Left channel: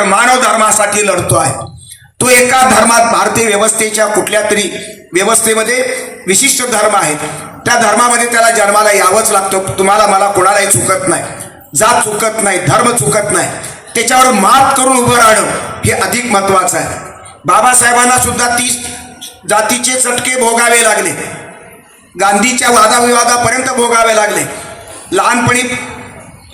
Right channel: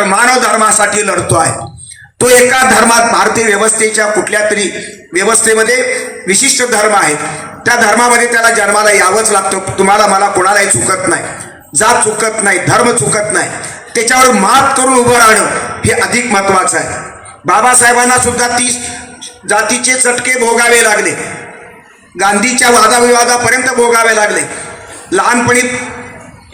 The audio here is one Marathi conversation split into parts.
मानव धर्मासाठी लढतो आहे. तो एका धर्मात, भारतीय व्यवस्थेच्या कुठल्या तरी व्यवस्थेमध्ये विशिष्ट धर्म आहेत, त्या धर्मामध्ये त्याला जन्माला यावंच लागतं. तुम्हाला मला कोणालाही चुकत नाही, जात चुकत नाही, धर्म चुकत नाही. त्याच्यावर मात करून उभं राहणं हे अधिक महत्वाचं आहे. बाबासाहेबांना सुद्धा 30 जातीचे चटके भोगावे लागले, गांधीच्या वादाविवादापर्यंत भोगावे लागले, लहानपणी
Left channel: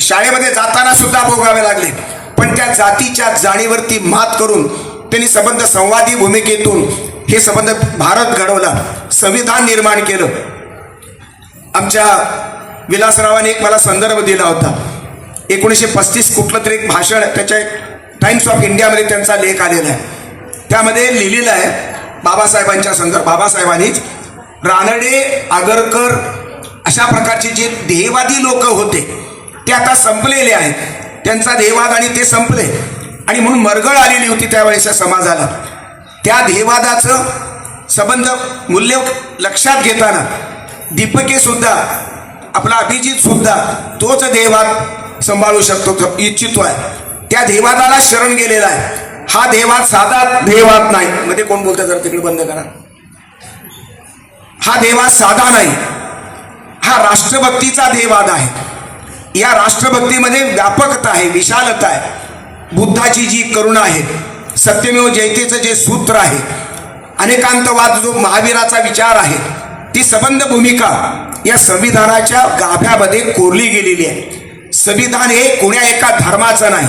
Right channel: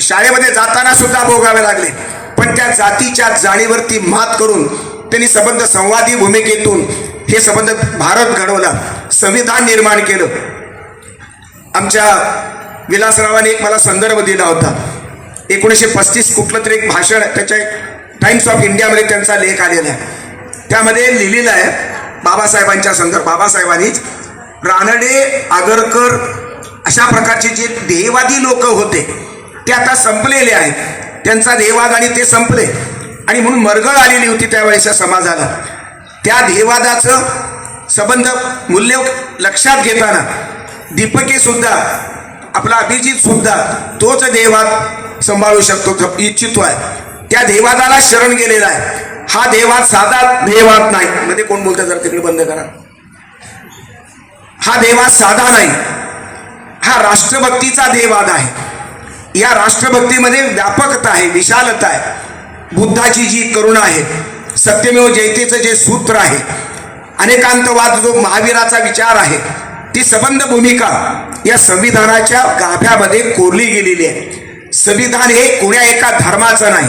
शाळेमध्ये जाताना सुद्धा भोगावे लागले. पण त्या जातीच्या जाणीवरती मात करून त्यांनी संबंध संवादी भूमिकेतून हे संबंध भारत घडवला, संविधान निर्माण केलं. आमच्या विलासरावांनी एक मला संदर्भ दिला होता. 1935 कुठलं तरी एक भाषण, त्याच्या टाइम्स ऑफ इंडियामध्ये त्यांचा लेख आलेला आहे. त्यामध्ये लिहिलेलं आहे बाबासाहेबांच्या संदर्भ. बाबासाहेबांनीच रानडे, आगरकर अशा प्रकारचे जे ध्येयवादी लोक होते ते आता संपलेले आहेत. त्यांचा ध्येयवाद आणि ते संपले, आणि म्हणून मरगळ आलेली होती त्यावेळेच्या समाजाला. त्या ध्येयवादाचं संबंध मूल्य लक्षात घेताना दीपके सुद्धा, आपला अभिजित सुद्धा तोच ध्येयवाद सांभाळू शकतो, इच्छितो आहे. त्या ध्येयवादाला शरण गेलेला आहे. हा ध्येयवाद साधा ध्येयवाद नाही. मध्ये कोण बोलतं जरा तिकडे बंद करा. हा ध्येयवाद साधा नाही, हा राष्ट्रभक्तीचा ध्येयवाद आहे. या राष्ट्रभक्तीमध्ये व्यापकता आहे, विशालता आहे. बुद्धाची जी करुणा आहे, सत्यमेव जयतेचं जे सूत्र आहे, अनेकांतवाद जो महावीराचा विचार आहे, ती संबंध भूमिका या संविधानाच्या गाभ्यामध्ये कोरली गेलेली आहे. संविधान हे कोण्या एका धर्माचं नाही,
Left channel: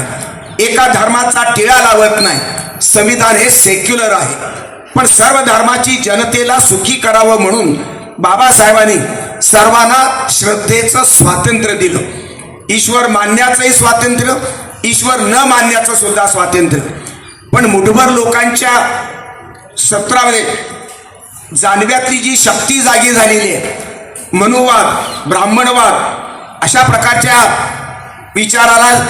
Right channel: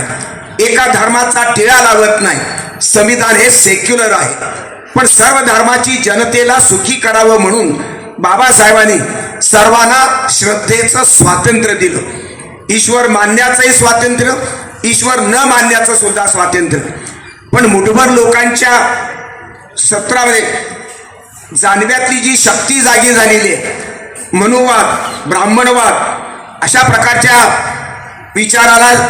एका धर्माचा टिळा लावत नाही. संविधान हे सेक्युलर आहे, पण सर्व धर्माची जनतेला सुखी करावं म्हणून बाबासाहेबांनी सर्वांना श्रद्धेचं स्वातंत्र्य दिलं. ईश्वर मानण्याचंही स्वातंत्र्य, ईश्वर न मानण्याचं सुद्धा स्वातंत्र्य. पण मुठभर लोकांच्या सत्रामध्ये जानव्यातली जी शक्ती जागी झालेली आहे, मनुवाद, ब्राह्मणवाद अशा प्रकारच्या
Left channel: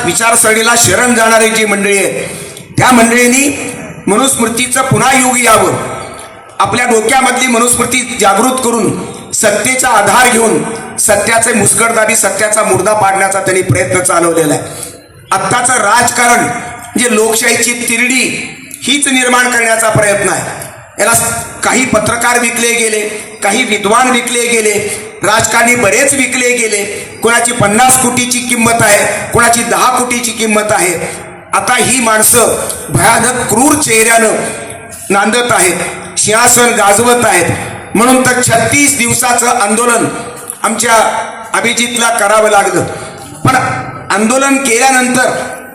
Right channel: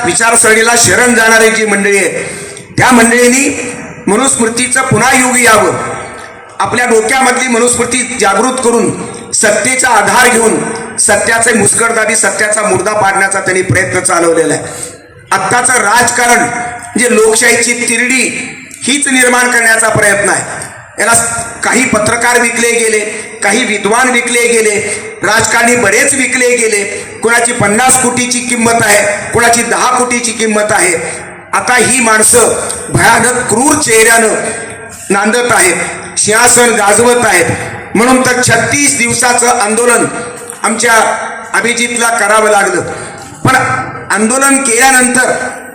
विचारसरणीला शरण जाणारी जी मंडळी आहे, त्या मंडळींनी मनुस्मृतीचं पुन्हा युग यावं, आपल्या डोक्यामधली मनुस्मृती जागृत करून सत्तेचा आधार घेऊन सत्याचे मुस्कटदाबी, सत्याचा मुर्दा पाडण्याचा त्यांनी प्रयत्न चालवलेला आहे. आत्ताचं राजकारण जे लोकशाहीची तिरडी हीच निर्माण करण्याचा प्रयत्न आहे. याला काही पत्रकार विकले गेले, काही विद्वान विकले गेले, राजकारणी बरेच विकले गेले. कोणाची 50 कोटीची किंमत आहे, कोणाची 10 कोटीची किंमत आहे. आता ही माणसं भयानक क्रूर चेहऱ्यानं नांदत आहेत, सिंहासन गाजवत आहेत. म्हणून तर 36 दिवसाचं आंदोलन आमच्या अभिजितला करावं लागलं. पण आंदोलन केल्यानंतर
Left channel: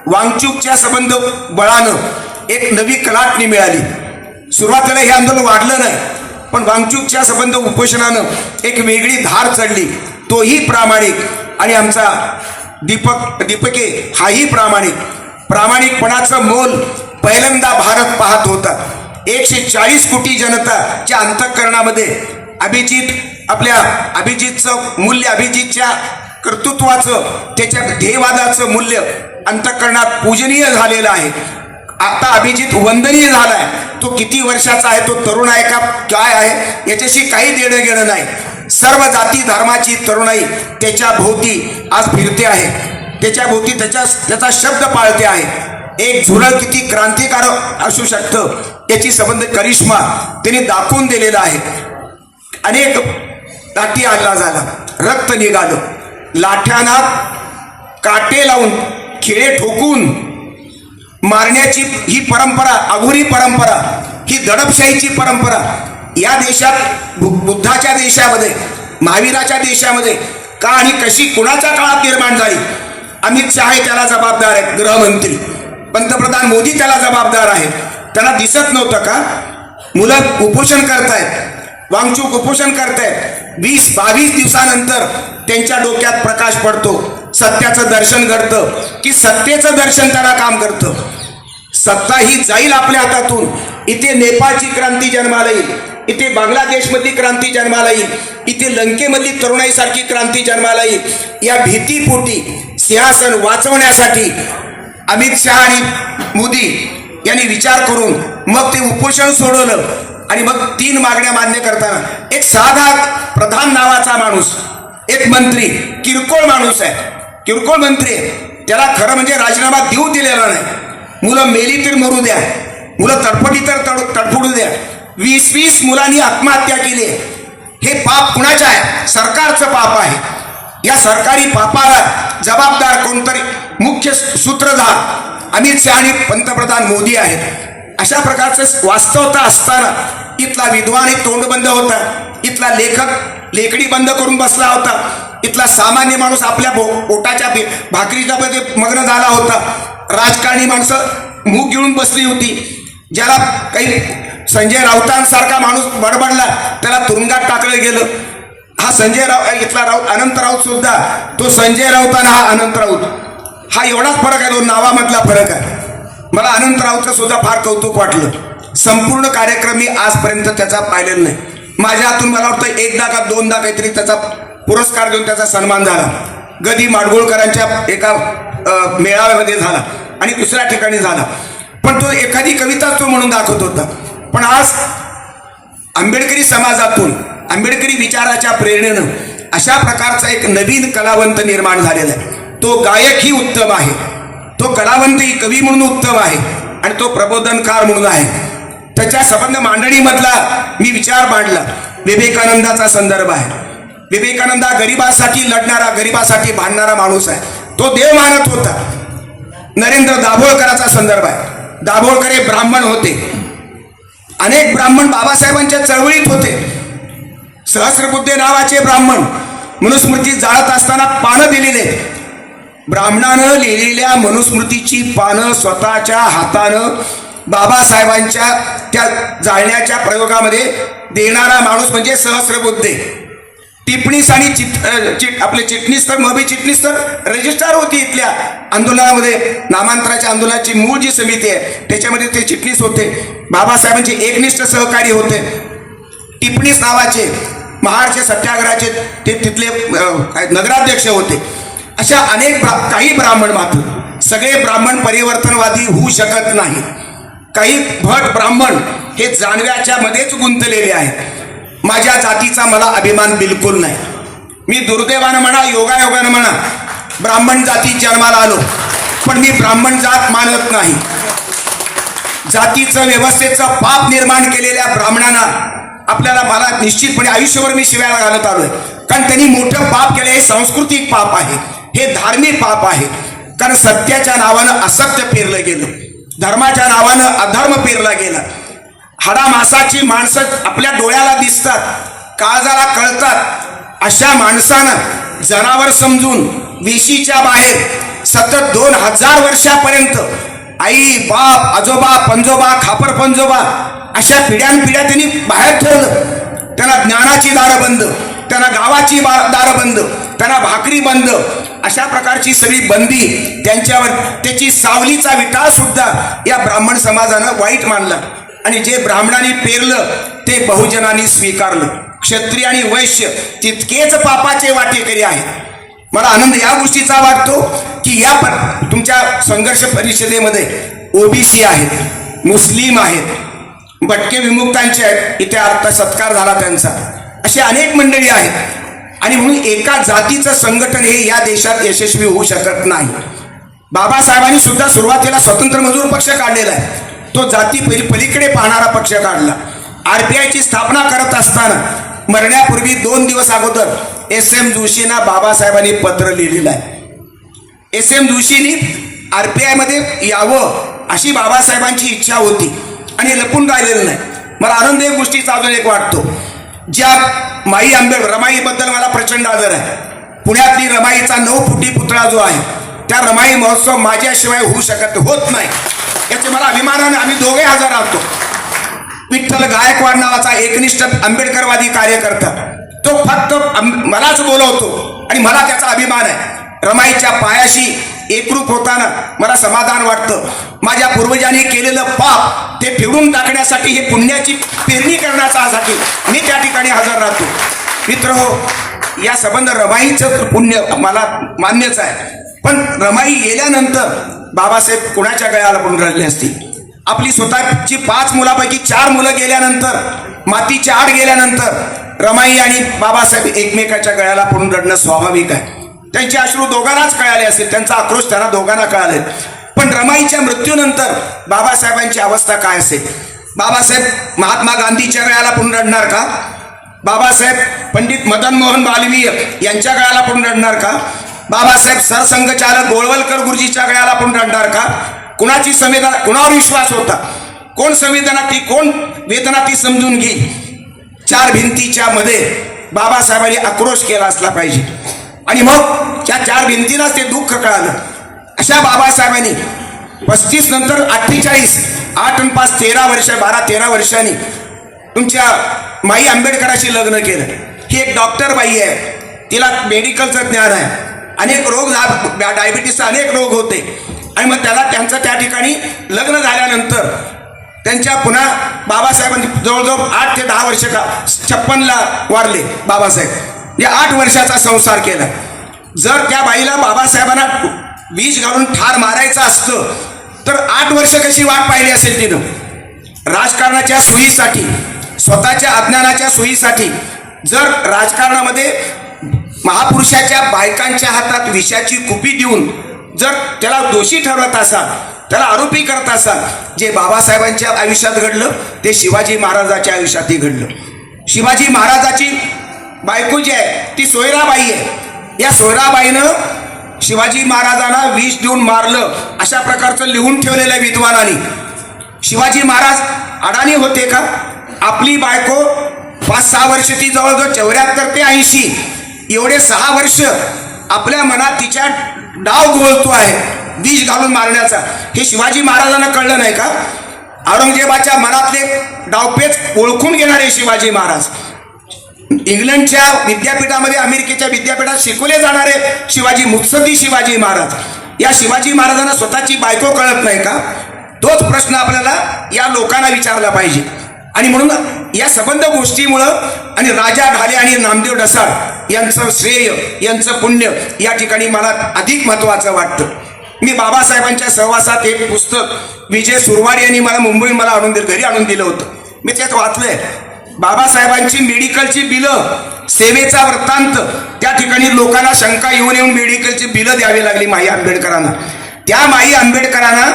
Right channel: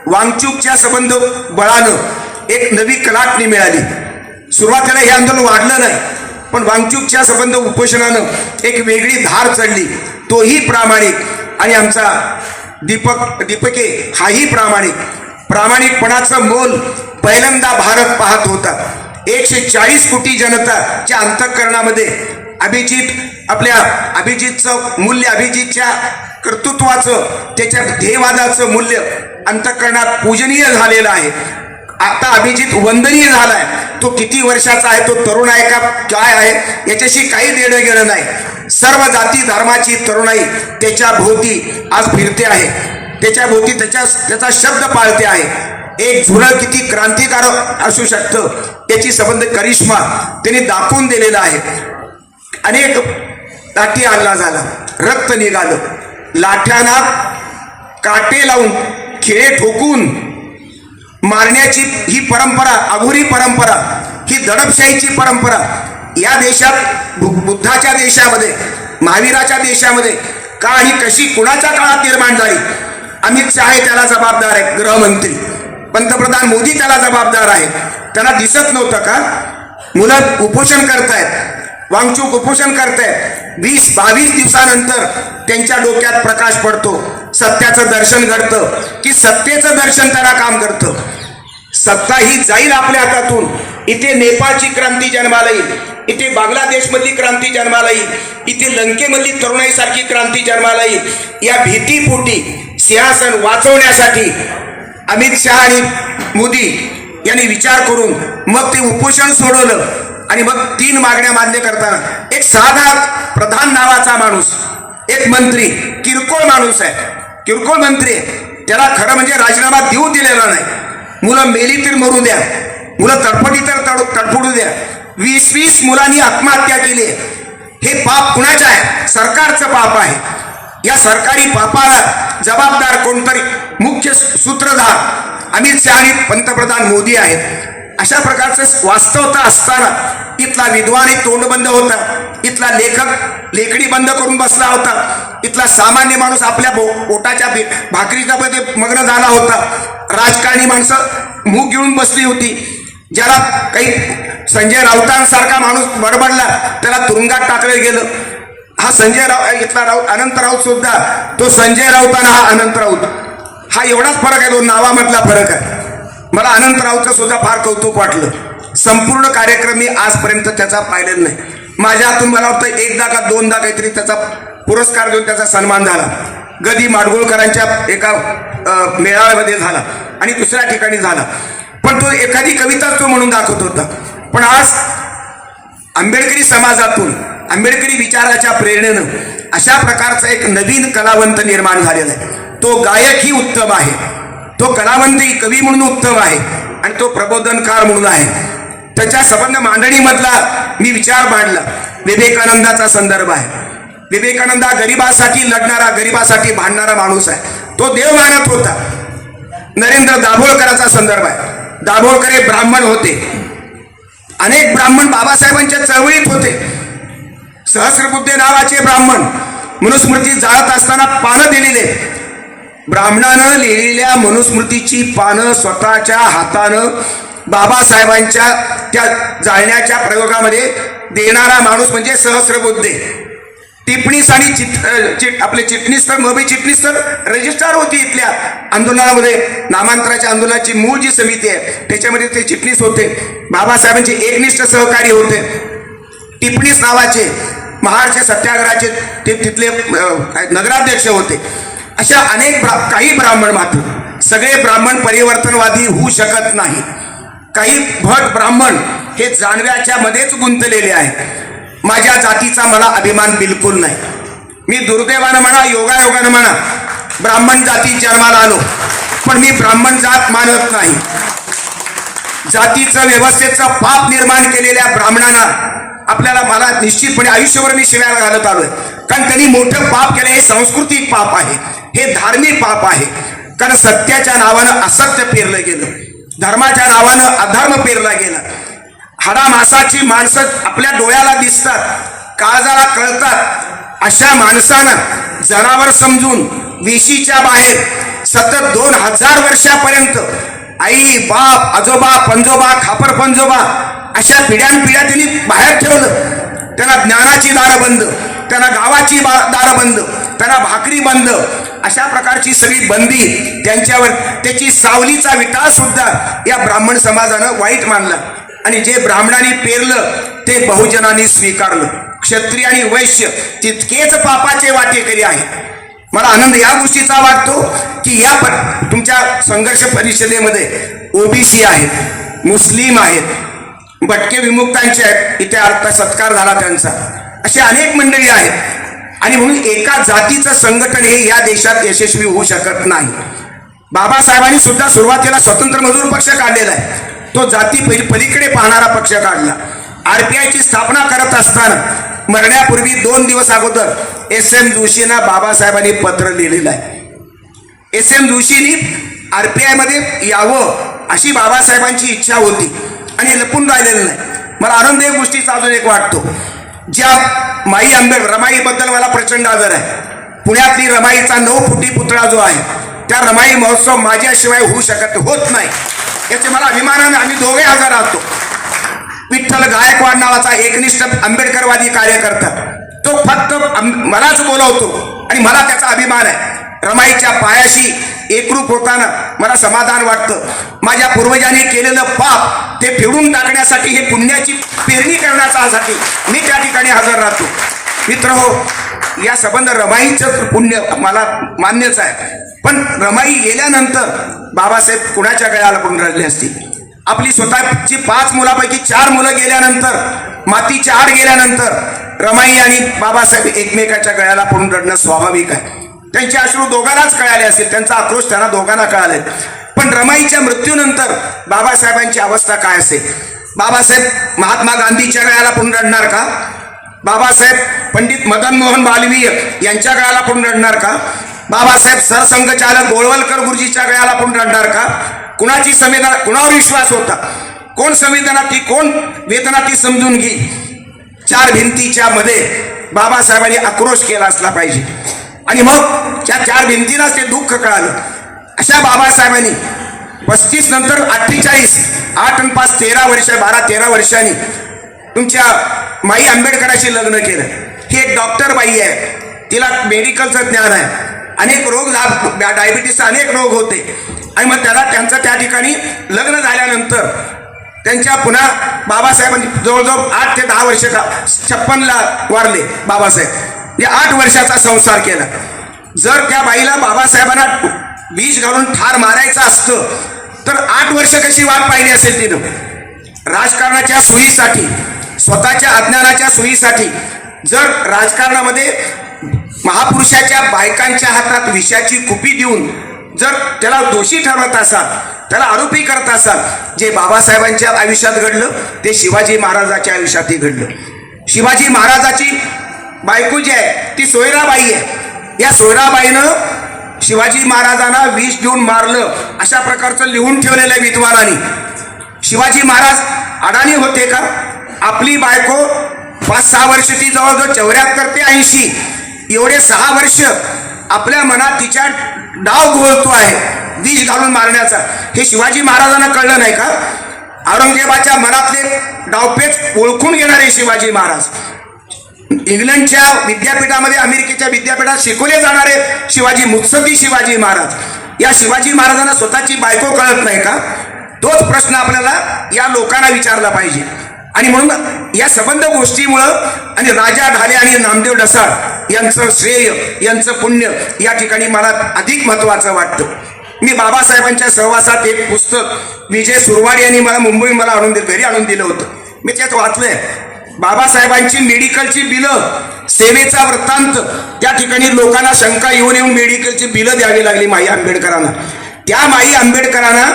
वांगचूकच्या संबंध बळानं एक नवी कलाटणी मिळाली. सुरुवातीला हे आंदोलन वाढलं नाही, पण वांगचूकच्या संबंध उपोषणानं एक वेगळी धार चढली. तोही प्रामाणिक, आणि आमचा दीपके हाही प्रामाणिक. प्रामाणिकपणाचं मोल पहिल्यांदा भारत पाहत होता. 140 कोटी जनताच्या अंतःकरणामध्ये आपल्या अभिजितचं मूल्य, अभिजितच्या कर्तृत्वाचं, त्याच्या ध्येयवादाचं मूल्य अंतःकरणात पूजनीय झालेलं आहे. आता अभिजित वंदनीय झालाय. तो किती वर्षाचा आहे, तो तरुण आहे का काय आहे, याच्याशी काही देणं घेणं नाही. सर्व जाती धर्माची तरुणाई त्याच्या भोवती आज फिरते आहे, त्याच्या भोवती त्याचा शब्द पाळते आहे. एक झुरळ किती क्रांतिकारक असू शकतं त्याची संबंध करिश्मा त्यांनी दाखवून दिलेला आहे. अनेक लाठी हल्ला झाला, रक्त निघालं, लाठ्यांना काटे लावून, खिळे ठोकून मारण्याची ही परंपरा, अघोरी परंपरा, ही दडपशाहीची परंपरा या देशात, बुद्धाच्या देशामध्ये, महावीराच्या देशामध्ये का आणि कशी कुणाच्या काळात निर्माण झाली? अमित शहा त्याला जबाबदार आहेत, गृहमंत्री. पंतप्रधान मोदी त्याला जबाबदार आहेत. त्यांना दिसत नव्हतं का? मुलं उपोषण करतायत, वांगचूक उपोषण करतायत. 20-22 दिवसानंतर त्यांच्या डोक्यात प्रकाश पडतो. सत्याचं दर्शन घडतं की सत्तेचं दर्शन त्यांना काम करतं. सत्ता ही जाईल आपल्या हातातून. इथे नेपाळची क्रांती जन्माला येईल, इथे बांगलादेशमधली क्रांती जन्माला येईल, इथे लंकेमधली तरुणाईसारखी क्रांती जन्माला येईल. या भीतीपोटी सिंहासन वाचवण्यासाठी अमित शहा आणि मोदी यांनी विचार करून मग ते उपोषण सोडवलं. आणि मग 3 मागण्या मान्य करताना एक साधा प्रधान नावाचा माणूस, एक मंत्री, किरकोळ माणूस आहे, किरकोळ मंत्री आहे, त्याला खरं म्हणजे राजीनामा देऊ दिलेला नाही. मुलं मेली तर मरू द्या, मुलं तडफडी तर तडफडू द्या. 20-20 मुलांनी आत्महत्या केली. हे पाप कुणाचं आहे? सरकारचं पाप आहे. या सरकारी पापाला जबाबदार कोणतरी मुख्य सूत्रधार अमित शहा आणि पंतप्रधान मोदी आहेत. अशा प्रकारचं वास्तवता असताना इथला विद्वान एक तोंडबंद होता, इथला लेखक लेखणी बंद करून बसला होता, इथला सामान्य माणूस आपल्या पोटाच्या भाकरीच्या मध्ये मग्न झाला होता, राजकारणी माणसं मूग गिळून बसली होती. ज्याला काही संजय राऊतांसारखा माणूस बडबडला त्याला तुरुंगात टाकलं गेलं. हा संजय राऊत इथला राऊत अनंत राऊत सुद्धा तो संजय राऊत आणि हा अनंत राऊत, हा एवढाच फरक आहे, दोन नावामधला फरक आहे. मला अनंत राऊतचं सुद्धा फार कौतुक वाटलं. संपूर्ण कार्यक्रम मी आजपर्यंत त्याचा पाहिलेला नाही. माझ्या हातून मला वाटतं एकदा का दोनदा काहीतरी त्याचा पुरस्कार देऊन त्याचा सन्मान झाला. गदी माडगुळकरांच्या एका मेळाव्यामध्ये झाला आणि दुसऱ्या ठिकाणी झाला. पण तो एखादी कविता तो म्हणून दाखवत होता. पण आज आंबेडकरी समाजातून आंबेडकरी विचाराच्या प्रेरणेनं अशा प्रकारचा एक नवीन कलावंत निर्माण झालेला आहे. तो गायकही उत्तम आहे, तो कलावंतही कवी म्हणून उत्तम आहे आणि तो प्रबोधनकार म्हणून आहे. त्याच्या संबंध मांडणीमधला मी विचार मांडला. विवेकानंदाचा संदर्भ आहे. विवेकानंद हा गरिबासाठी लढणारा, गरिबासाठी भांडणारा माणूस आहे. तो देव मानत होता. नरेंद्र दाभोळकरांचा संदर्भ आहे. दाभोळकर हे ब्राह्मण होते. अनेक ब्राह्मण बाबासाहेबांच्या चळवळीत होते. सहस्रबुद्धे नावाचे ब्राह्मण मनुस्मृती जाळत असताना पानं दिलेले. ब्राह्मणानं लिहिलेल्या मनुस्मृतीची पानं स्वतःच्या हातानं बाबासाहेबांच्या त्या जाळण्याच्या प्रयोगामध्ये देणारा माणूस म्हणजे सहस्रबुद्धे. टिप्पणीस आणि आपले चिटणीस तर मबी चिटणीस तर रजिस्ट्रार होती इथल्या आंदोलनामध्ये. नामांतराच्या आंदोलनाची मूळ जी समिती आहे त्याच्यामध्ये ते चिटणीस होते. बाबासाहेबांचे एकनिष्ठ सहकारी होते. टिप्पणीस नावाचे महाराष्ट्र सत्याग्रहाचे ते तिथले नगराध्यक्ष होते. अशा अनेक काही ब्राह्मण मात्र सगळे ब्राह्मण परिवर्तनवादी होऊ शकत नाही. काही भट ब्राह्मण हे जानव्याच्या मध्येच गुंतलेले आहेत. माझ्या जातीचा मला अभिमान बिलकुल नाही. मी दुर्दैवानं म्हणा योगायोगानं म्हणा ब्राह्मण जातीत जन्माला आलो, पण मी ब्राह्मण जात मानत नाही. जातीचं व्यवस्थेचं पाप निर्माण केलेल्या ब्राह्मणांना आपल्याला मला निश्चितपणे आयुष्यभर मी शिव्या घालत आलोय. कारण त्यांनी मोठं पाप केलं. हे सांस्कृतिक पाप आहे, हे धार्मिक पाप आहे. कारण सत्याच्या नावानं असत्य पेरलं गेलं, धर्माच्या नावानं अधर्म पेरला गेला. हाडामासाची माणसं आपल्या डोळ्याला दिसतात, काळजाला कळतात. अशा माणसानं जनावर समजून वेशीच्या बाहेर सतत 2000 वर्षापर्यंत आई बाप आजोबा पंजोबा खापर पंजोबा अशा पिढ्यानपिढ्या त्यांनी बाहेर ठेवलं. त्यांना ज्ञानाची दारं बंद, त्यांना गावाची दारं बंद, त्यांना भाकरी बंद, अशा प्रकारची सगळी बंदी त्यांच्यावर. त्याची सावलीचा विकास सुद्धा या ब्राह्मण समाजानं वाईट मानला. आणि जे ब्राह्मणांनी पेरलं ते बहुजनांनी स्वीकारलं. क्षत्रिय आणि वैश्य तितकेच पापाचे वाटेकरी आहेत. मला आनंद या गोष्टीचा वाटतो की या तुमच्या संघर्ष परिषदेमध्ये ओबीसी आहेत, मुस्लिम आहेत, भटके विमुक्तांचे आहेत, इथे अर्थ सत्कार झाला त्यांचा. असे अनेक मंडळी आहेत. आणि म्हणून एका जातीचं संघटन हे या देशात यशस्वी होऊ शकत नाही. बाबासाहेबांनी सुद्धा सुरुवातीला स्वतंत्र मजूर पक्ष काढलेला आहे. तो जाती पलीकडे पाहणारा पक्ष काढला. आरपीआयची स्थापना करत असताना मरण्यापूर्वी 2 दिवस अगोदर SM जोशींना बाबासाहेबांनी पत्र लिहिलेलं आहे. SM जोशींनी आरपीआय मध्ये यावं अशी बाबासाहेबांची इच्छा होती आणि लपून राहिलेलं नाही. मला आनंद या गोष्टीचा अजून एक वाटतो. ज्या माई आंबेडकर रमाईबद्दल मला प्रचंड आदर आहे. पुण्यातली रमाईचा 9 फुटी पुतळा जो आहे त्या रमाई महोत्सव माझ्याशिवाय होत नाही. याचे मला अभिमानाने आम्ही दोघे हजर राहतो. विठ्ठल गायकवाड नावाचा एकनिष्ठ आंबेडकरवादी कार्यकर्ता तो फक्त मलाच बोलवतो आणि मला त्याचा अभिमान आहे. रमाईच्या पायाशी एकरूप होताना मला समाधान वाटतं. माझ्या पूर्वजांनी केलेलं पाप ते फेडून टाकण्यासाठी, हे पुण्याची पेरणी करण्यासाठी मी त्या ठिकाणी हजर राहतो. मित्रहो, या संबंध रमाईचं पुण्य मला मान्यच आहे. पण रमाई गेल्यानंतर बाबासाहेब कुणाच्या गळ्याला पडून रडले असतील. आपली स्वतःची 5 मुलापैकी 4 मुलं गेल्यानंतर, मातीच्या आड गेल्यानंतर रमाई आणि बाबासाहेब एकमेकाच्या गळ्याला पडून रडणं स्वाभाविक आहे. त्यांचे अश्रू दोघांनाच कळाले असतील, त्यांचा आक्रोश त्यांना दोघांना कळाले. पण रमाईच्या मृत्यूनंतर बाबासाहेबांची अवस्था काय असेल? बाबासाहेब महात्मा गांधीच्या काळाला पण रडणार का? बाबासाहेब पंडित मदन मोहन मालवीय यांच्या काळाला पण रडणार का? बाबासाहेब सरसंघचालक गोळवलकर गुरुजीच्या काळाला पण रडणार का? कुणाची संवेदना, कुणावर विश्वास होता? कोण संवेदना ती, कोण वेदना ती समजून घे. चार भिंतीच्या मध्ये बाबासाहेबांनी आक्रोश केला असला पाहिजे. आणि मग त्या चार भिंतीलाच ते दुःख कळालं. अशा बाबासाहेबांनी 35 नंतर 48, 8 आणि 5 13 वर्ष, 12-13 वर्षांनी तुमच्या माई आंबेडकराशी लग्न केलं. ही एक डॉक्टर बाई आहे, तिला मेडिकलचं ज्ञान आहे. अनेक रोग, डायबिटीसचे अनेक रोग होते. आणि मग त्यांचं त्या ठिकाणी लग्न झाल्यानंतर त्यांच्या पुन्हा बाबासाहेबांनी जवळजवळ 8 ते 10 वर्ष 56ला वारले बाबासाहेब. या 8 वर्षाचा संसार केला. जर त्या बाईला बाबासाहेबांना विष घालून ठार मारायचं असतं तर 8 वर्ष कशी वाट पाहिली असेल तिनं? राजकारणाच्या सोयीसाठी, स्वतःच्या अज्ञानाच्या सोयीसाठी जर राजकारणामध्ये महापुरुषाच्या बायकांच्या हातात विषाची कुपी देऊन जर त्याला दोषी ठरवत असाल, त्याला आरोपी करत असाल, जे बाबासाहेबांच्या आयुष्यात घडलं ते शिवाजी महाराजांच्या आयुष्यातही घडलं. शिवाजी महाराजाची बायको जी आहे ती सोयराबाई आहे. या सोयराबाईनं शिवाजी महाराजांना विष देऊन मारलं अशा प्रकारचं लिहून ठेवलेल्या विद्वानांनी. शिवाजी महाराज अडाणी होते का? आपली बायको 5-6 वर्ष, ती जवळजवळ 74 ते 80 एवढे 6 वर्ष आपल्या मनात तिच्या डाव घोळतो आहे विष घालून मारण्याचा. हे शिवाजी महाराजांना कळलं नाही का? औरंगजेबाच्या मनातले डावपेच ओळखून घेणारे शिवाजी महाराज. इंग्लंडच्या विद्यापीठामध्ये, अमेरिकेच्या विद्यापीठात शिकवले जाणारे शिवाजी, मुत्सद्दी शिवाजी महाराज. या शिवाजी महाराजांना स्वतःची बायको कळत नाही का? तोच प्रश्न आपल्याला या लोकांना विचारला पाहिजे. आणि म्हणून या संबंध गोष्टीमुळं आणि राजा ढाले आणि नामदेव ढसाळ यांचं श्रेय, यांचं पुण्य या ठिकाणी मला अधिक महत्वाचं वाटतं. मी बाबासाहेबांच्या सहवासात एक पुस्तक विजय सुरवाड यांनी मला घरी आणून दिलं होतं. मी त्यात वाचलंय बाबासाहेबांची मेडिकलची बिलं, सेवेचा वृत्तांत. त्या ठिकाणी लोकांना शंका येऊन मेडिकलची बिलं द्यावी लागली माई आंबेडकरांना. त्या माई आंबेडकरांना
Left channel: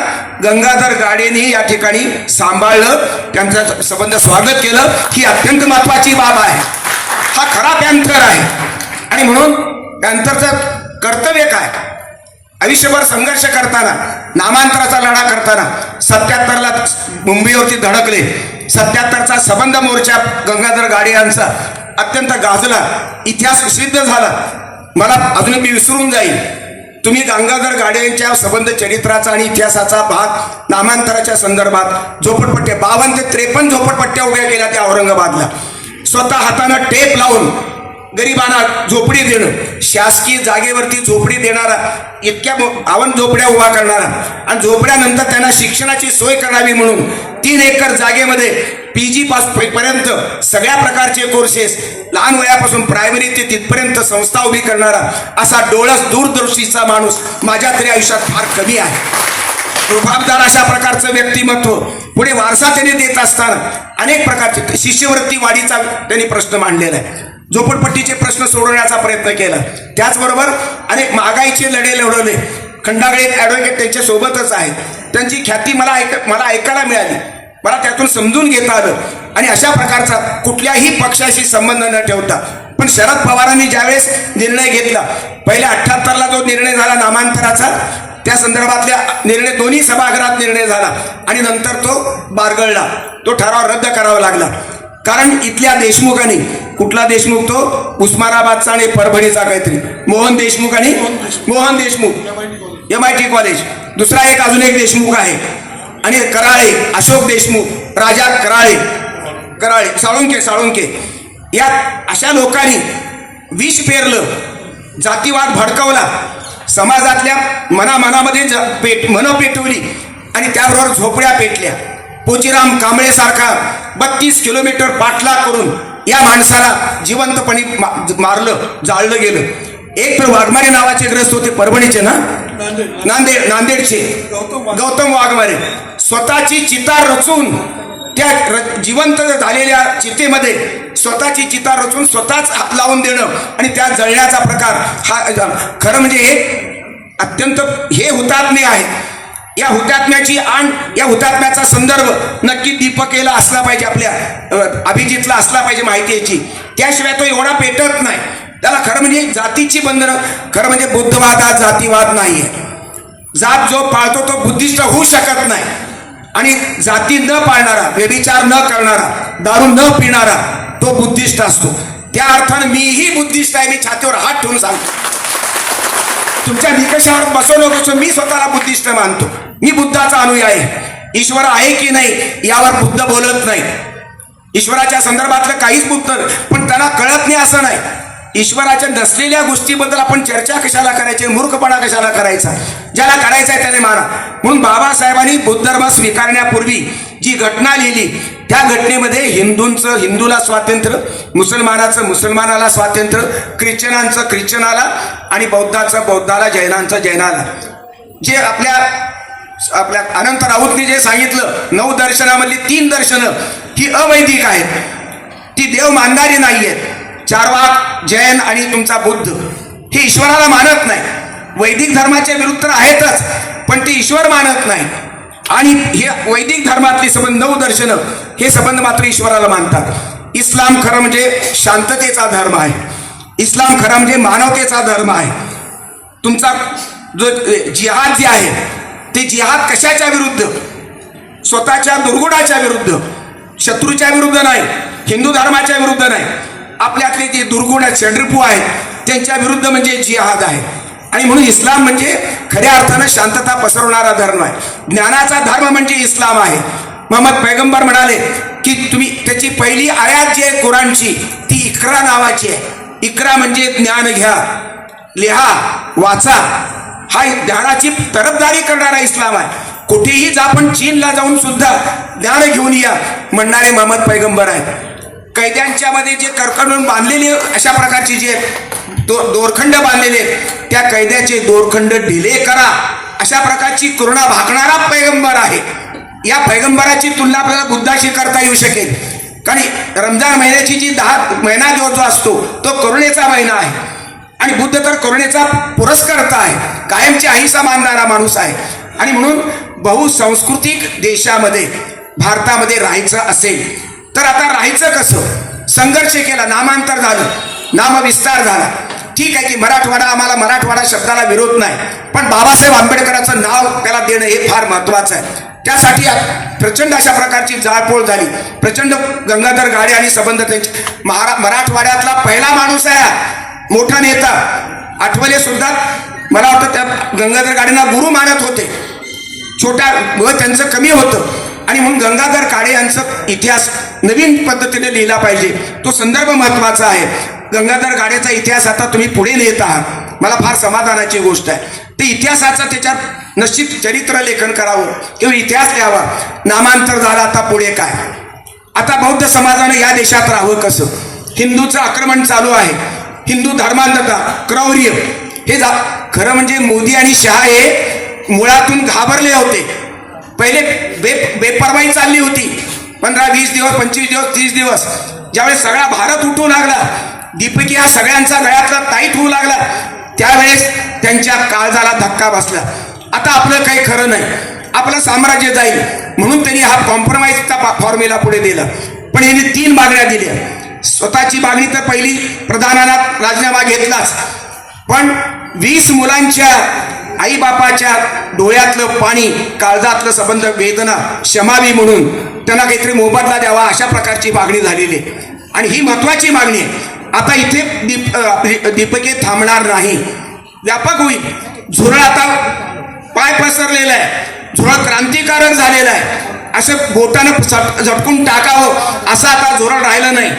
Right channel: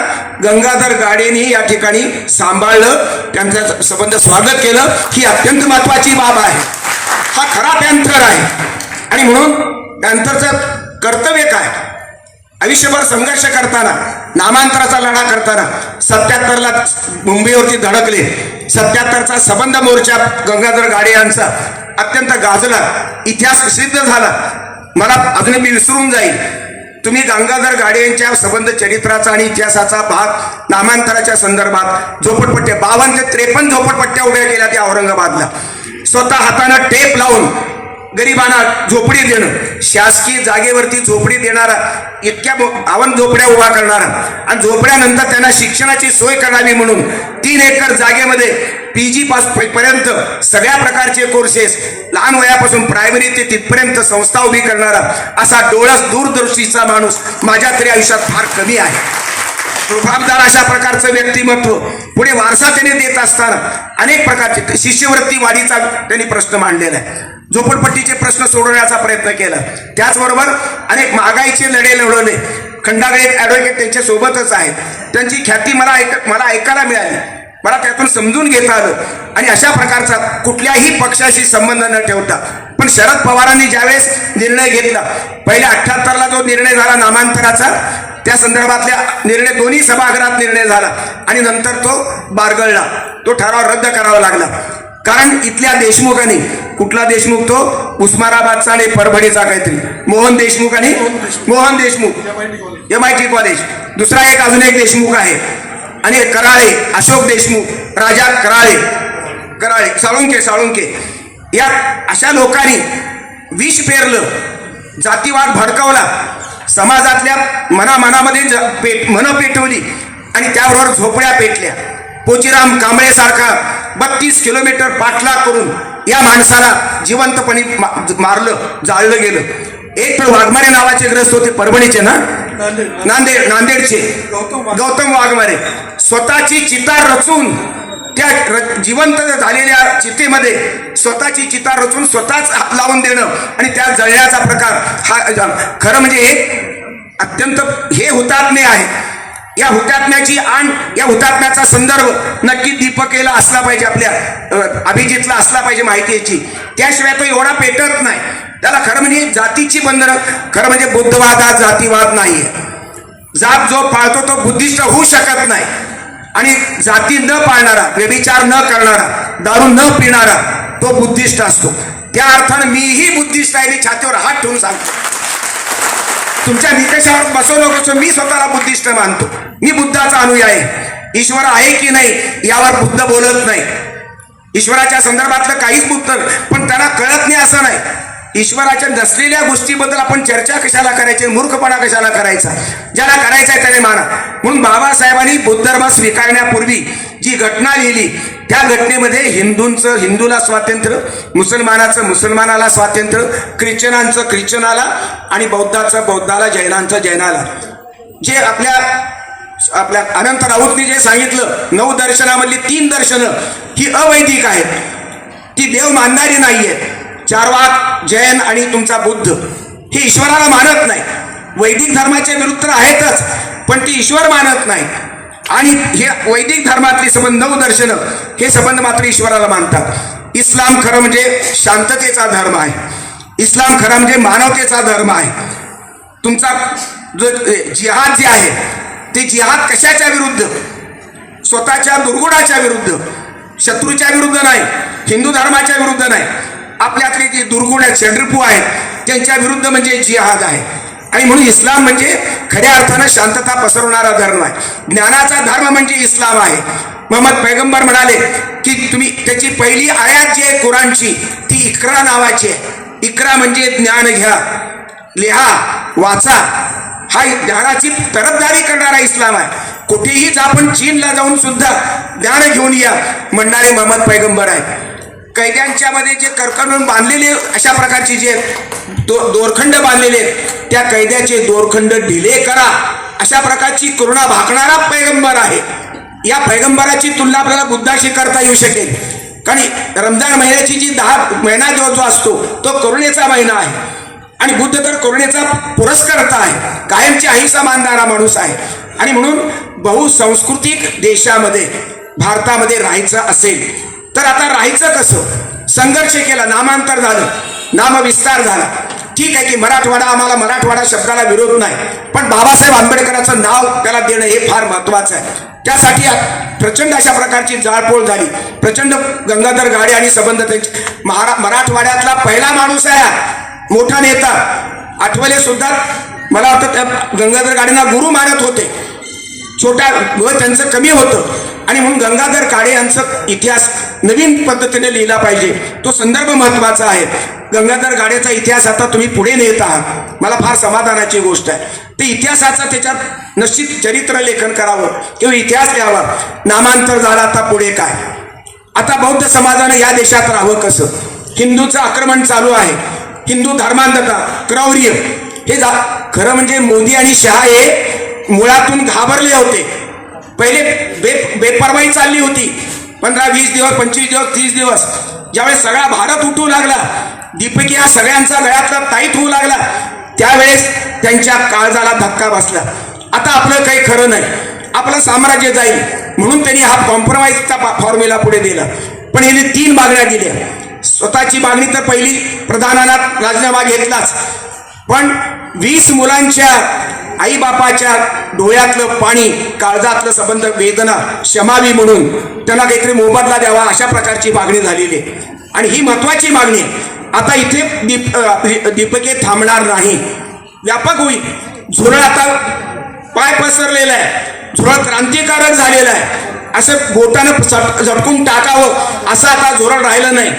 गंगाधर गाडेंनी या ठिकाणी सांभाळलं, त्यांचं संबंध स्वागत केलं. ही अत्यंत महत्वाची बाब आहे. हा खरा पॅन्थर आहे. आणि म्हणून पॅन्थरचं कर्तव्य काय? आयुष्यभर संघर्ष करताना, नामांतराचा लढा करताना 77ला मुंबईवरती धडकले. 77चा संबंध मोर्चा गंगाधर गाडे यांचा अत्यंत गाजला, इतिहास प्रसिद्ध झाला. मला अजूनही मी विसरून जाईल. तुम्ही गंगाधर गाडे यांच्या संबंध चरित्राचा आणि इतिहासाचा भाग नामांतराच्या संदर्भात झोपडपट्ट्या 52 ते 53 झोपडपट्ट्या उभ्या केल्या त्या औरंगाबादला. स्वतः हाताने टेप लावून गरिबांना झोपडी देणं, शासकीय जागेवरती झोपडी देणारा, इतक्या 52 झोपड्या उभा करणारा आणि झोपड्यानंतर त्यांना शिक्षणाची सोय करावी म्हणून 3 एकर जागेमध्ये PG पर्यंत सगळ्या प्रकारचे कोर्सेस, लहान वयापासून प्रायमरी ते तिथपर्यंत संस्था उभी करणारा असा डोळस दूरदर्शीचा माणूस माझ्या तरी आयुष्यात फार कमी आहे. रुबाबदार अशा प्रकारचं व्यक्तिमत्व. पुढे वारसा त्याने देत असताना अनेक प्रकारचे शिष्यवृत्ती वाढीचा त्यांनी प्रश्न मांडलेला आहे. झोपडपट्टीचे प्रश्न सोडवण्याचा प्रयत्न केला. त्याचबरोबर अनेक महागाईचे लढे लढवले. खंडागळे ॲडव्होकेट त्यांच्या सोबतच आहेत. त्यांची ख्याती मला ऐकायला मिळाली, मला त्यातून समजून घेता आलं. आणि अशा प्रकारचा कुठल्याही पक्षाशी संबंध न ठेवता, पण शरद पवारांनी ज्यावेळेस निर्णय घेतला, पहिल्या 78ला जो निर्णय झाला नामांतराचा, त्या संदर्भातल्या निर्णय दोन्ही सभागृहात निर्णय झाला आणि नंतर तो बारगळला, तो ठराव रद्द करावा लागला. कारण इथल्या देशमुखांनी, कुठला देशमुख तो उस्मानाबादचा आणि परभणीचा काहीतरी मोहन देशमुख आणि मोहन देशमुख MIT कॉलेज, दुसरा एक अजून एक देशमुख आहे आणि कराळे अशोक देशमुख, राजा कराळे साळुंके या अशा लोकांनी विष पेरलं, जातीवाद भडकवला, समाजातल्या मनामध्ये मन पेटवली आणि त्याबरोबर झोपड्या पेटल्या. पोचीराम कांबळे सारखा 32 किलोमीटर पाठलाग करून या माणसाला जिवंतपणे मारलं, जाळलं गेलं. एक वाघमारे नावाचे ग्रस्त होते, परभणीचे ना, नांदेडचे गौतम वाघमारे. स्वतःची चिता रचून त्या जिवंत झालेल्या चितेमध्ये स्वतःची चिता रचून स्वतःच हात लावून देणं आणि त्या जळण्याचा प्रकार हा खरं म्हणजे एक अत्यंत हे हुतात्मे आहे. या हुतात्म्याची आण, या हुतात्म्याचा संदर्भ नक्की दीपकेला असला पाहिजे, आपल्या अभिजितला असला पाहिजे माहितीची. त्याशिवाय तो एवढा पेटत नाही. त्याला खरं म्हणजे जातीची बंधनं, खरं म्हणजे बुद्धवाद हा जातीवाद नाहीये. जात जो पाळतो तो बुद्धिस्ट होऊ शकत नाही. आणि जाती न पाळणारा, व्यभिचार न करणारा, दारू न पिणारा तो बुद्धिस्ट असतो. त्या अर्थानं मीही बुद्धिस्ट आहे. मी छातीवर हात ठेवून सांगतो, तुमच्या निकषावर बसवू नको. मी स्वतःला बुद्धिस्ट मानतो. मी बुद्धाचा अनुयायी आहे. ईश्वर आहे की नाही यावर बुद्ध बोलत नाही. ईश्वराच्या संदर्भातलं काहीच बुद्ध, पण त्यांना कळत नाही असं नाही. ईश्वराच्या नसलेल्या गोष्टीबद्दल आपण चर्चा कशाला करायची, मूर्खपणा कशाला करायचा. ज्याला करायचा आहे त्याने माना. म्हणून बाबासाहेबांनी बुद्ध धर्म स्वीकारण्यापूर्वी जी घटना लिहिली, त्या घटनेमध्ये हिंदूला स्वातंत्र्य, मुसलमानाला स्वातंत्र्य, ख्रिश्चनांचं ख्रिश्चनाला आणि बौद्धाला, जैनाला. जे आपल्या अनंत राऊतनी जे सांगितलं, 9 दर्शनामधली 3 दर्शनं ही अवैदिक आहेत, ती देव मानणारी नाहीये. चार्वाक, जैन आणि तुमचा बुद्ध हे ईश्वराला मानत नाही. वैदिक धर्माच्या विरुद्ध आहेतच, पण ते ईश्वर मानत नाही. आणि हे वैदिक धर्मातले संबंध 9 दर्शनं हे संबंध मात्र ईश्वराला मानतात. इस्लाम खरं म्हणजे शांततेचा धर्म आहे. इस्लाम खरं म्हणजे मानवतेचा धर्म आहे. तुमचा जो जिहाद जे आहे ते जिहाद कशाच्या विरुद्ध? स्वतःच्या दुर्गुणाच्या विरुद्ध, शत्रूच्या विरुद्ध नाही, हिंदू धर्माच्या विरुद्ध नाही. आपल्यातले जे दुर्गुण आहेत, षड्रिपू आहेत, त्यांच्या विरुद्ध म्हणजे जिहाद आहे. आणि म्हणून इस्लाम म्हणजे खऱ्या अर्थानं शांतता पसरवणारा धर्म आहे. ज्ञानाचा धर्म म्हणजे इस्लाम आहे. मोहम्मद पैगंबर म्हणाले की तुम्ही त्याची पहिली आयात जी आहे कुराणची ती इक्रा नावाची आहे. इक्रा म्हणजे ज्ञान घ्या, लिहा, वाचा. हा ज्ञानाची तरफदारी करणारा इस्लाम आहे. कुठेही जा, पण चीनला जाऊन सुद्धा ज्ञान घेऊन या म्हणणारे मोहम्मद पैगंबर आहे. कैद्यांच्या मध्ये जे करकंडून बांधलेले अशा प्रकारचे जे दोरखंड बांधलेले, त्या कैद्याचे दोरखंड ढिले करा अशा प्रकारची करुणा भाकणारा पैगंबर आहे. या पैगंबराची तुलना आपल्याला बुद्धाशी करता येऊ शकेल. कारण रमजान महिन्याची जी 10 महिना जो असतो तो करुणेचा महिना आहे. आणि बुद्ध तर करुणेचा पुरस्कर्ता आहे, कायमची अहिंसा मानणारा माणूस आहे. आणि म्हणून बहुसंस्कृतिक देशामध्ये, भारतामध्ये राहायचं असेल तर आता राहायचं कसं? संघर्ष केला, नामांतर झालं, नामविस्तार झाला. ठीक आहे की मराठवाडा, आम्हाला मराठवाडा शब्दाला विरोध नाही, पण बाबासाहेब आंबेडकरांचं नाव त्याला देणं हे फार महत्वाचं आहे. त्यासाठी प्रचंड अशा प्रकारची जाळपोळ झाली. प्रचंड गंगाधर गाडे आणि संबंध त्यांचे मराठवाड्यातला पहिला माणूस आहे, मोठा नेता. आठवले सुद्धा मला वाटतं त्या गंगाधर गाडेंना गुरु मानत होते. छोट्या वय त्यांचं कमी होतं. आणि म्हणून गंगाधर काळे यांचा इतिहास नवीन पद्धतीने लिहिला पाहिजे. तो संदर्भ महत्वाचा आहे. गंगाधर गाडेचा इतिहास आता तुम्ही पुढे नेत आहात, मला फार समाधानाची गोष्ट आहे. ते इतिहासाचं त्याच्यात निश्चित चरित्र लेखन करावं किंवा इतिहास लिहावा. नामांतर झाला, आता पुढे काय? आता बौद्ध समाजानं या देशात राहावं कसं? हिंदूचं आक्रमण चालू आहे, हिंदू धर्मांधता, क्रौर्य हे खरं म्हणजे मोदी आणि शहा हे मुळातून घाबरले होते. पहिले बेपरवाही चालली होती. 15-20 दिवस, 25 दिवस, 30 दिवस. ज्यावेळेस सगळा भारत उठू लागला, दीपकी हा सगळ्यांचा गळ्यातला ताईत होऊ लागला, त्यावेळेस त्यांच्या काळजाला धक्का बसला. आता आपलं काही खरं नाही, आपलं साम्राज्य जाईल म्हणून त्यांनी हा कॉम्प्रोमाइजचा फॉर्म्युला पुढे दिला. पण यांनी 3 मागण्या दिल्या. स्वतःची मागणी तर पहिली, प्रधानांना राजीनामा घेतलाच, पण 20 मुलांच्या आईबापाच्या डोळ्यातलं पाणी, काळजातलं संबंध, वेदना शमावी म्हणून त्यांना काहीतरी मोबदला द्यावा अशा प्रकारची मागणी झालेली आहे. आणि ही महत्वाची मागणी आहे. आता इथे दीपके थांबणार नाही, व्यापक होईल. झुरळ आता पाय पसरलेला आहे, झुरळ क्रांतिकारक झालेला आहे. असं बोटानं झटकून टाकावं असं आता झुरळ राहिलं नाही.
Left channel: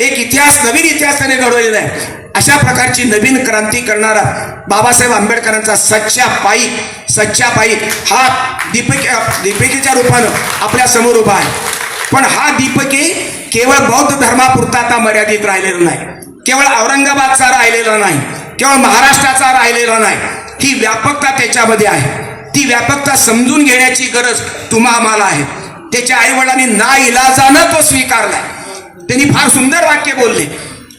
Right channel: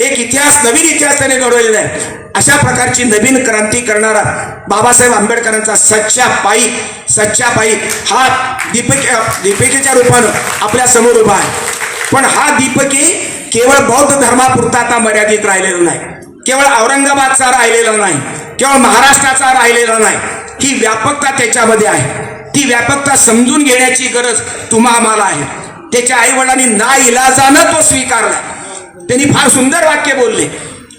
एक इतिहास, नवीन इतिहास त्याने घडवलेला आहे. अशा प्रकारची नवीन क्रांती करणारा बाबासाहेब आंबेडकरांचा सच्चा पायी हा दीपिकेच्या रूपानं आपल्या समोर उभा आहे. पण हा दीपके केवळ बौद्ध धर्मापुरता आता मर्यादित राहिलेला नाही, केवळ औरंगाबादचा राहिलेला नाही, केवळ महाराष्ट्राचा राहिलेला नाही. ही व्यापकता त्याच्यामध्ये आहे. ती व्यापकता समजून घेण्याची गरज तुम्हा आम्हाला आहे. त्याच्या आईवडिलांनी नाइलाजानं तो स्वीकारला. त्यांनी फार सुंदर वाक्य बोलले,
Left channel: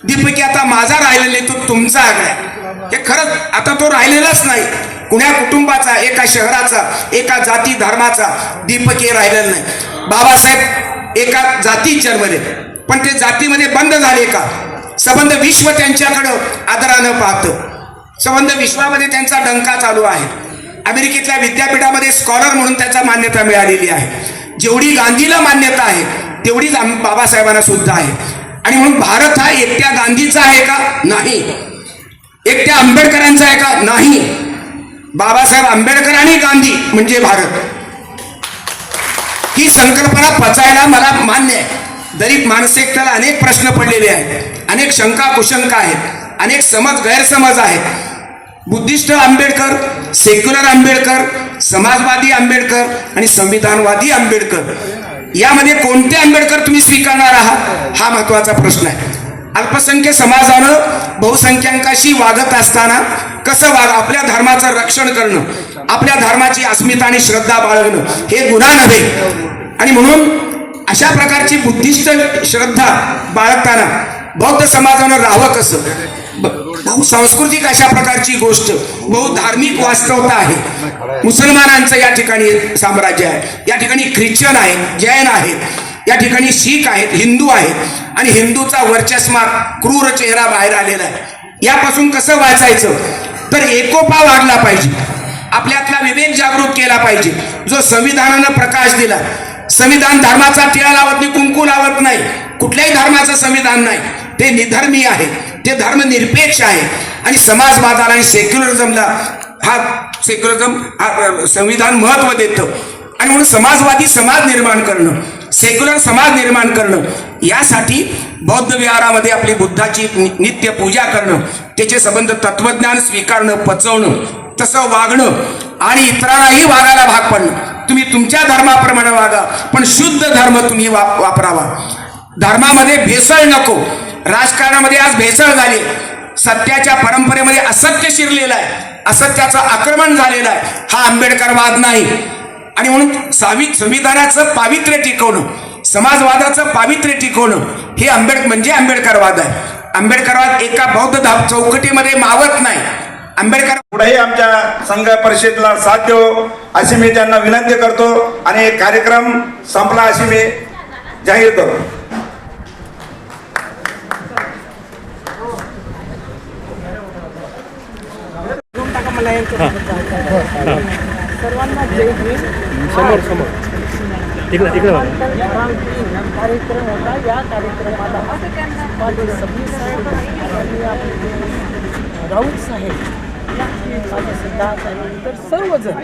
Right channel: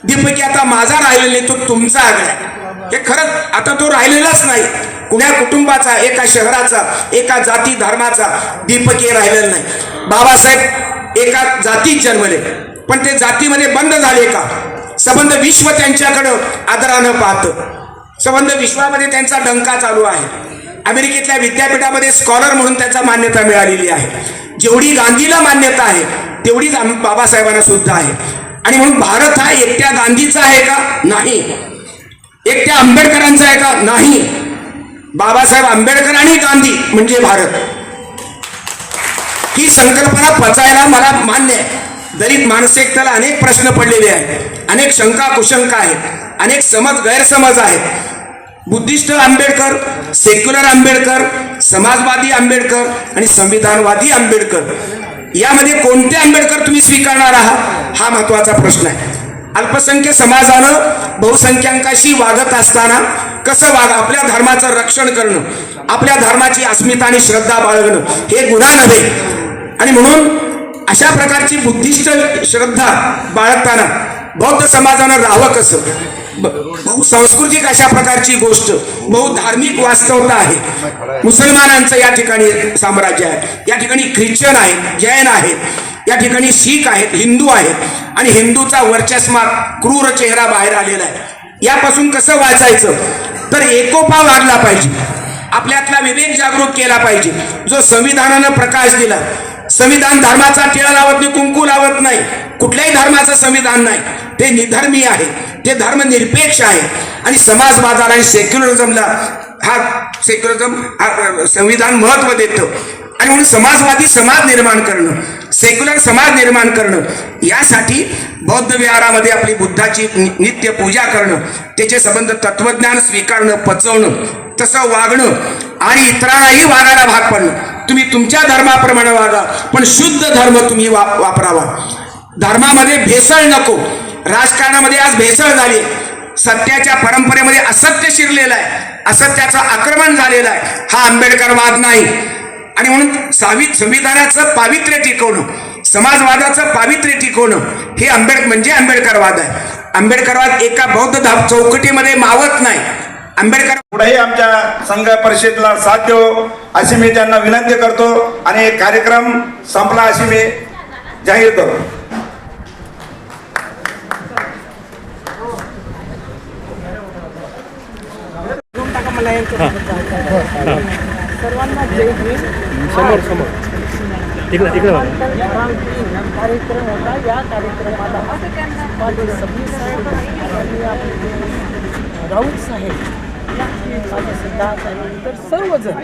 दीपकी आता माझा राहिलेला नाही, तो तुमचा आग्रह. हे खरंच आता तो राहिलेलाच नाही. कुण्या कुटुंबाचा, एका शहराचा, एका जाती धर्माचा दीपकीय राहिलेला नाही. बाबासाहेब एका जातीत जन्मले, पण ते जातीमध्ये बंद झाले का? संबंध विश्व त्यांच्याकडं आदरानं पाहतं. संबंध विश्वामध्ये त्यांचा डंका चालू आहे. अमेरिकेतल्या विद्यापीठामध्ये स्कॉलर म्हणून त्याचा मान्यता मिळालेली आहे. जेवढी गांधीला मान्यता आहे तेवढीच बाबासाहेबांना सुद्धा आहे. आणि म्हणून भारत हा एकट्या गांधीचा आहे का? नाही. एकट्या आंबेडकरांचा आहे का? नाही. बाबासाहेब आंबेडकर आणि गांधी म्हणजे भारत. ही संकल्पना पचायला मला मान्य आहे. दलित मानसिकतेला अनेक प्रश्न पडलेले आहेत, अनेक शंका कुशंका आहेत, अनेक समज गैरसमज आहेत. बुद्धिस्ट आंबेडकर, सेक्युलर आंबेडकर, समाजवादी आंबेडकर आणि संविधानवादी आंबेडकर यामध्ये कोणते आंबेडकर तुम्ही स्वीकारणार आहात हा महत्वाचा प्रश्न आहे. अल्पसंख्य समाजानं बहुसंख्याकांशी वागत असताना कसं आपल्या धर्माचं रक्षण करणं, आपल्या धर्माची अस्मिता आणि श्रद्धा बाळगणं हे गुन्हा नव्हे. आणि म्हणून अशा प्रकारची बुद्धिस्ट श्रद्धा बाळगताना बौद्ध समाजानं राहावं कसं? बहुसांस्कृतिक अशा प्रकारची गोष्ट, बहुधार्मिक वास्तवता आहे. मुसलमानांचं या ठिकाणी साम्राज्य आहे, या ठिकाणी ख्रिश्चन आहे, जैन आहेत, या ठिकाणी शीख आहेत, हिंदू आहेत आणि हिंदूचा वर्चस्वा क्रूर चेहरा बाहेर आलेला आहे. यापासून कसं वाचायचं? तर एकोपा वाढला पाहिजे, आपल्यातला विवेक जागृत केला पाहिजे. जो संविधानानं प्रकाश दिला, संविधान धर्माचा टिळा लावत नाही, कुंकू लावत नाही, कुठल्याही धर्माचं संविधान नाही. ते निधर्मी आहे, ते धर्मनिरपेक्ष आहे. आणि समाजवादाला आणि सेक्युलरिझमला हा संविधान महत्व देतं. आणि म्हणून समाजवादी समाज निर्माण करणं, सेक्युलर समाज निर्माण करणं, यासाठी बौद्ध विहारामध्ये आपली बुद्धाची नित्य पूजा करणं, त्याचे संबंध तत्वज्ञान स्वीकारणं, पचवणं, तसं वागणं आणि इतरांनाही वागायला भाग पडणं. तुम्ही तुमच्या धर्माप्रमाणे वागा, पण शुद्ध धर्म तुम्ही वापरावा. धर्मामध्ये भेसळ नको. राजकारणामध्ये आज भेसळ झाली. सत्याच्या परंपरेमध्ये असत्य शिरलेलं आहे, असत्याचं आक्रमण झालेलं आहे. हा आंबेडकरवाद नाही. आणि म्हणून संविधानाचं पावित्र्य टिकवणं, समाजवादाचं पावित्र्य टिकवणं हे आंबेडकरवाद आहे. आंबेडकरवाद एका बौद्ध चौकटीमध्ये मावत नाही. आंबेडकर पुढेही आमच्या संघ परिषदेला साथ देऊ अशी मी त्यांना विनंती करतो आणि कार्यक्रम संपला अशी मी जाहीर करतो. सर्वांना जय भीम. समोर इकडे कार्यक्रम होता. या कार्यक्रमाला माझे सबनी साहेब आणि आपले राऊत साहेब, माझे सिद्धार्थ आणि इतर सर्वजण,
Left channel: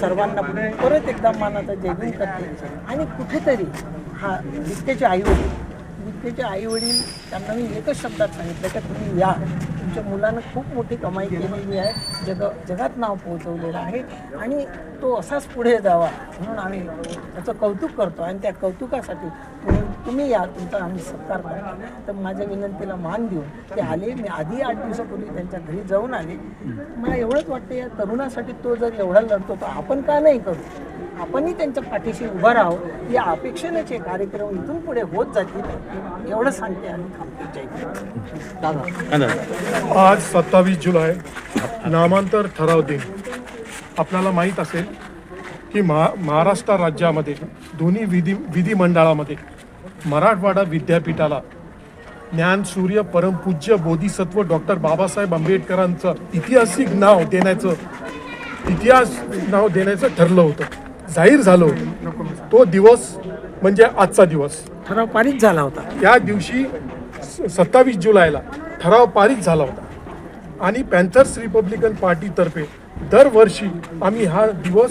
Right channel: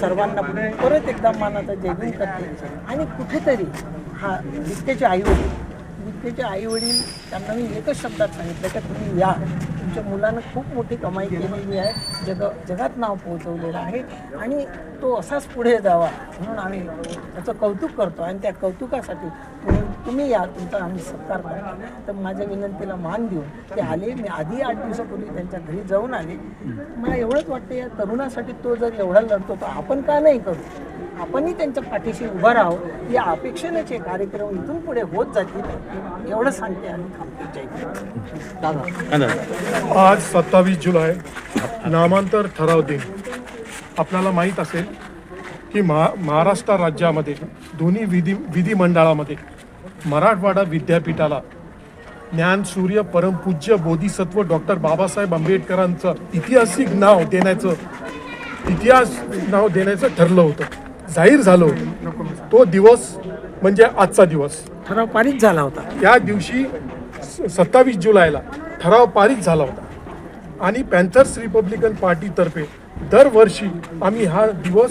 सर्वांना परत एकदा मानाचा जय भीम करते. आणि कुठेतरी हा विद्येचे आईवडील त्यांना मी एकच शब्दात सांगितलं की तुम्ही या, तुमच्या मुलानं खूप मोठी कमाई केलेली आहे, जगात नाव पोहोचवलेलं आहे आणि तो असाच पुढे जावा म्हणून आम्ही त्याचं कौतुक करतो. आणि त्या कौतुकासाठी तुम्ही या, तुमचा आम्ही सत्कार करतो. तर माझ्या विनंतीला मान देऊन ते आले. मी आधी 8 दिवसापूर्वी त्यांच्या घरी जाऊन आले. मला एवढंच वाटतं या तरुणासाठी तो जर एवढा लढतो तर आपण का नाही करू? आपणही त्यांच्या पाठीशी उभं राहावं. या अपेक्षेनेच हे कार्यक्रम इथून पुढे होत जातील एवढं सांगते आणि थांबते. आज 27 जुलै नामांतर ठराव दिन. आपल्याला माहीत असेल की महाराष्ट्र राज्यामध्ये दोन्ही विधिमंडळामध्ये मराठवाडा विद्यापीठाला ज्ञानसूर्य परमपूज्य बोधिसत्व डॉक्टर बाबासाहेब आंबेडकरांचं ऐतिहासिक नाव देण्याचं ठरलं होतं, जाहीर झालं होतं. तो दिवस म्हणजे आजचा दिवस. ठराव पारित झाला होता. त्या दिवशी 27 जुलैला ठराव पारित झाला होता. आणि पॅन्थर्स रिपब्लिकन पार्टीतर्फे दरवर्षी आम्ही हा दिवस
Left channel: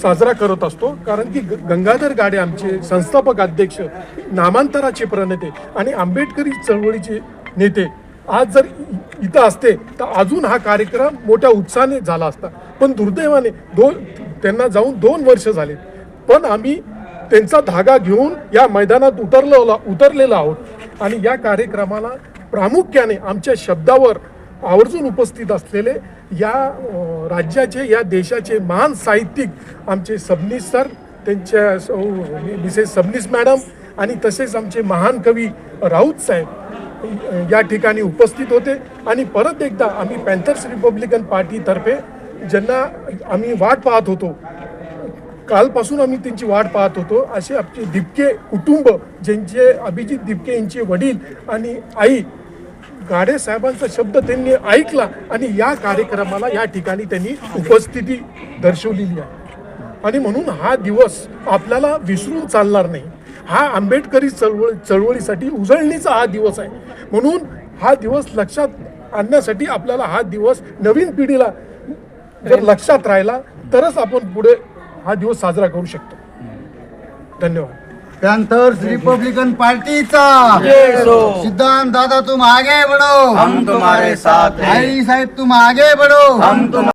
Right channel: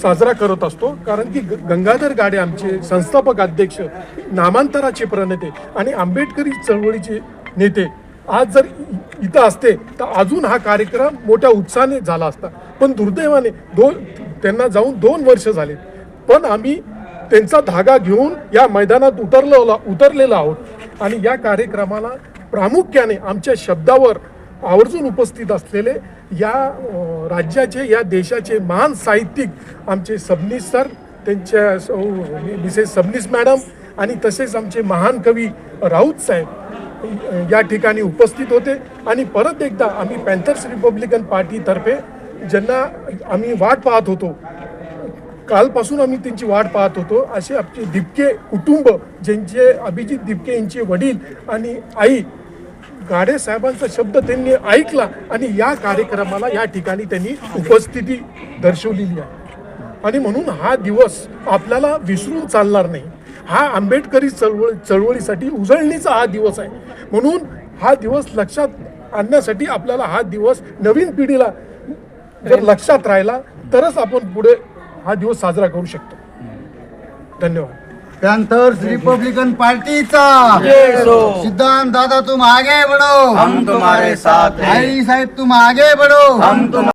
साजरा करत असतो. कारण की गंगाधर गाडे आमचे संस्थापक अध्यक्ष, नामांतराचे प्रणेते आणि आंबेडकरी चळवळीचे नेते आज जर इथं असते तर अजून हा कार्यक्रम मोठ्या उत्साहाने झाला असता. पण दुर्दैवाने त्यांना जाऊन 2 वर्ष झाले. पण आम्ही त्यांचा धागा घेऊन या मैदानात उतरलेलो आहोत. आणि या कार्यक्रमाला प्रामुख्याने आमच्या शब्दावर आवर्जून उपस्थित असलेले या राज्याचे, या देशाचे महान साहित्यिक आमचे सबनीस सर, त्यांच्या मिसेस सबनीस मॅडम आणि तसेच आमचे महान कवी राऊत साहेब या ठिकाणी उपस्थित होते. आणि परत एकदा आम्ही पॅन्थर्स रिपब्लिकन पार्टीतर्फे ज्यांना आम्ही वाट पाहत होतो, कालपासून आम्ही त्यांची वाट पाहत होतो, असे आमचे दिपके कुटुंब, ज्यांचे अभिजित दिपके यांचे वडील आणि आई, गाडे साहेबांचा शब्द त्यांनी ऐकला आणि या कार्यक्रमाला या ठिकाणी त्यांनी उपस्थिती दर्शवलेली आहे. आणि म्हणून हा दिवस आपल्याला विसरून चालणार नाही. हा आंबेडकरी चळवळीसाठी उजळणीचा हा दिवस आहे. म्हणून हा दिवस लक्षात आणण्यासाठी आपल्याला हा दिवस नवीन पिढीला जर लक्षात राहिला तरच आपण पुढे हा दिवस साजरा करू शकतो. धन्यवाद. पैंथर्स रिपब्लिकन पार्टीचा सिद्धांत दादा तुम आगे बढ़ो, हम तुम्हारे साथ हैं। आई साहेब तुम आगे बढ़ो, हम तुम